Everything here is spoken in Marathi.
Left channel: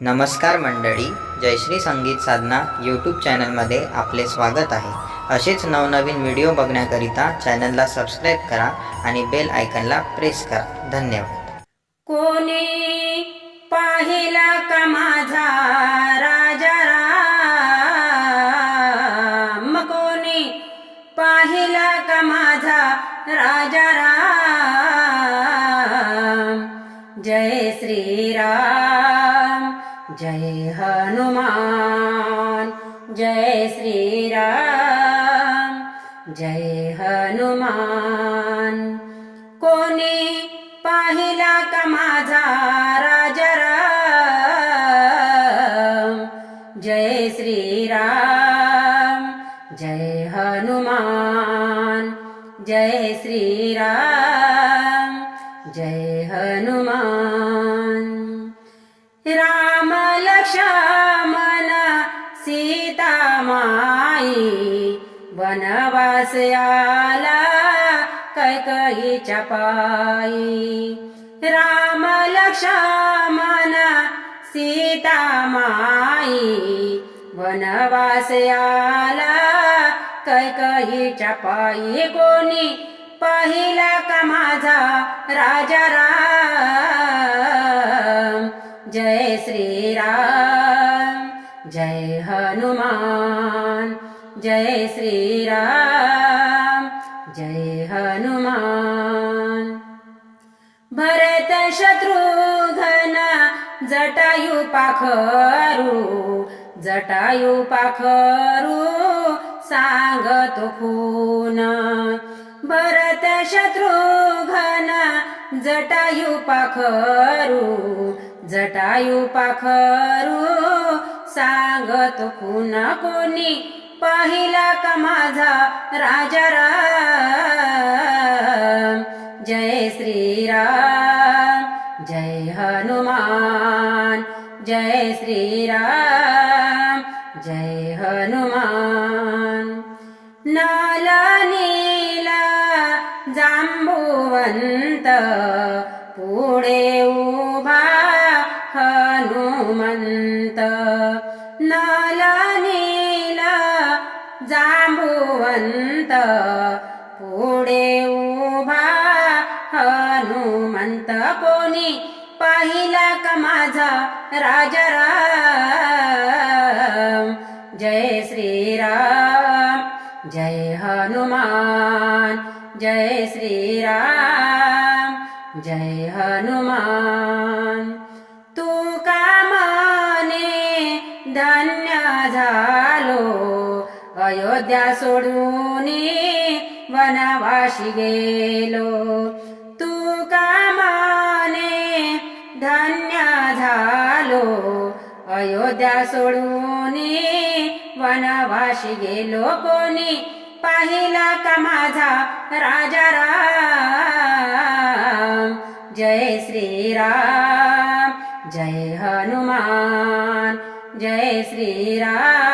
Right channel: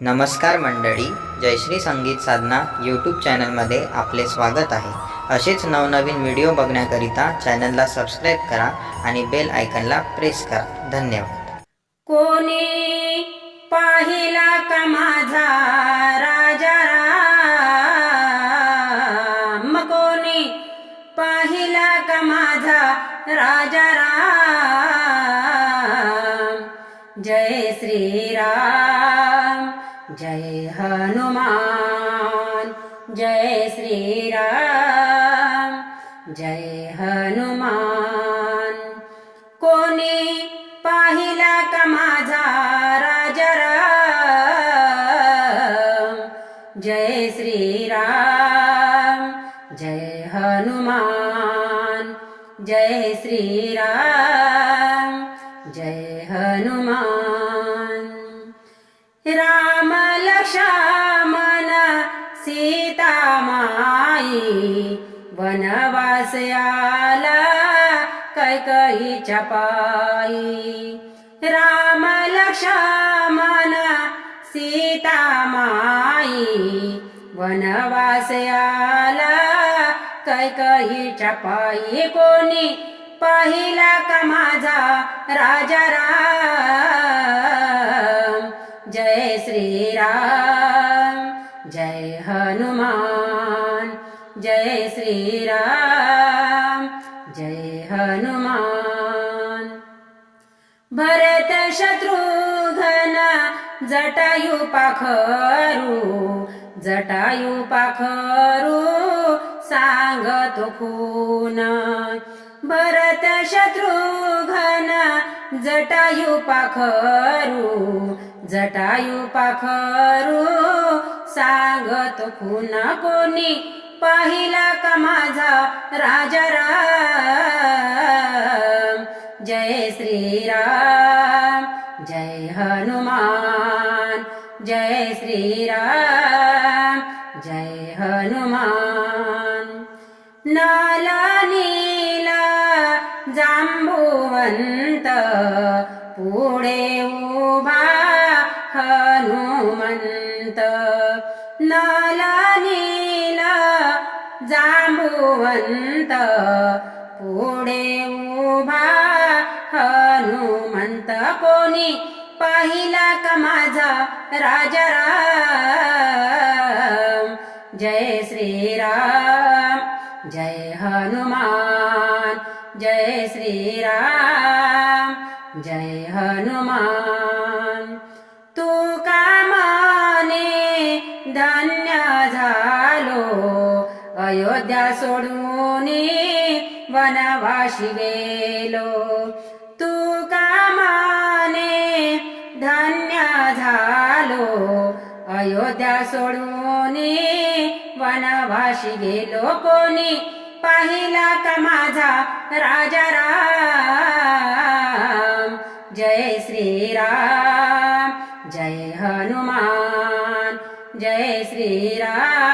नमस्कार मंडळी जयश्री संगीत साधना यूट्यूब चॅनलमध्ये आपले स्वागत आहे. असेच नवनवीन व्हिडिओ बघण्याकरिता चॅनलला सबस्क्राईब करा आणि बेल आयकनला प्रेस करा. धन्यवाद. कोणी पाहिला का माझा राजा राम? कोणी पाहिला का माझा राजा राम? जय श्रीराम जय हनुमान जय श्रीराम जय हनुमान। कोणी पाहिला का माझा राजा राम? जय श्रीराम जय हनुमान जय श्रीराम। वनवास आला कैकईच्या पायी राम लक्ष्मण सीता माई वनवास आला कैकईच्या पायी कोणी पाहिला का माझा राजा राम? जय श्रीराम जय हनुमान. जय श्रीराम जय हनुमान। भरत शत्रुघ्न जटायु पाखरू जटायु पाखरू सांगतो खून। भरत शत्रुघ्न जटायु पाखरू जटायु पाखरू सांगत खून। कोणी पाहिला का माझा राजा राम जय श्रीराम जय हनुमान जय श्रीराम जय हनुमान. नाला नीला जांबुवंत पुढे उभा हनुमंत. जांबुवंत पुढे उभा हनुमंत. कोणी पाहिला का माझा राजा राम जय श्रीराम जय हनुमान जय श्रीराम जय हनुमान. तू का माने अयोध्या सोडून वनवाशी गेलो तू कामाने धन्य झालो. अयोध्या सोडून वनवाशी गेलो कोणी पाहिला का माझा राजा राम? जय श्रीराम जय हनुमान जय श्रीराम.